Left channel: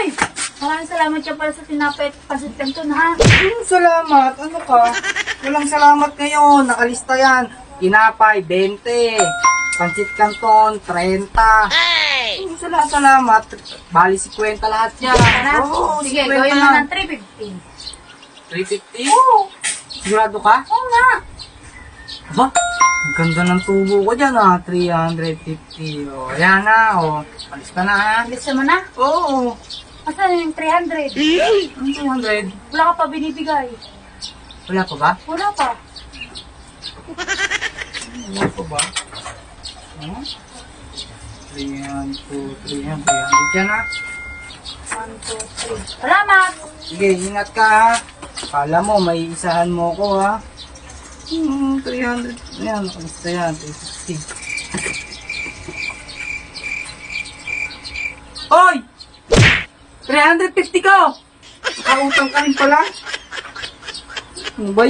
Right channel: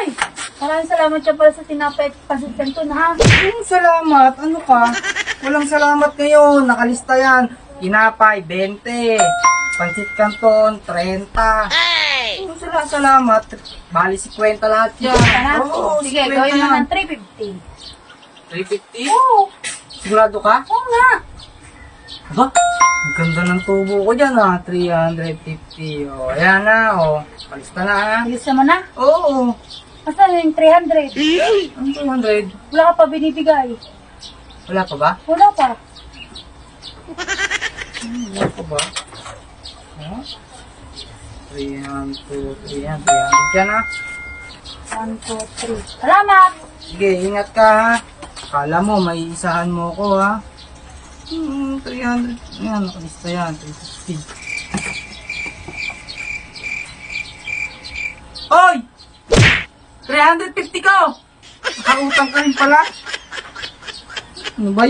Uy! Maraming salamat siya para sa tinapay at pasit kanton, ha? Salamat. Ano ka? Walang salamat ngayon. Nakalista yan. Tinapay, 20. Pansit Canton, 30. Salamat. Bali, 50 lahat yan. Ano? Oo, Sige, 50 gawin yan. naman 350. 350? Oo. Sigurado ka? Oo nga. Ba? Ang ganda ng tubo ko dyan, 350. O, ayan na, o. Palis pa na, ha? Bilis naman na. Oo. Asan yung 300? Ang 200. Wala ka pa binibigay. Wala pa ba? Wala pa. Wala pa ba? Huh? 300 yan, 300 yan, ha? 1, 2, 3. Salamat! Sige, ingat ka, ha? Kala mo, may isahan mo ko, ha? 300. Ayan, palista yan, 360. Hoy! 350 ko! Nakautang ka rin pala. Ano ba yan?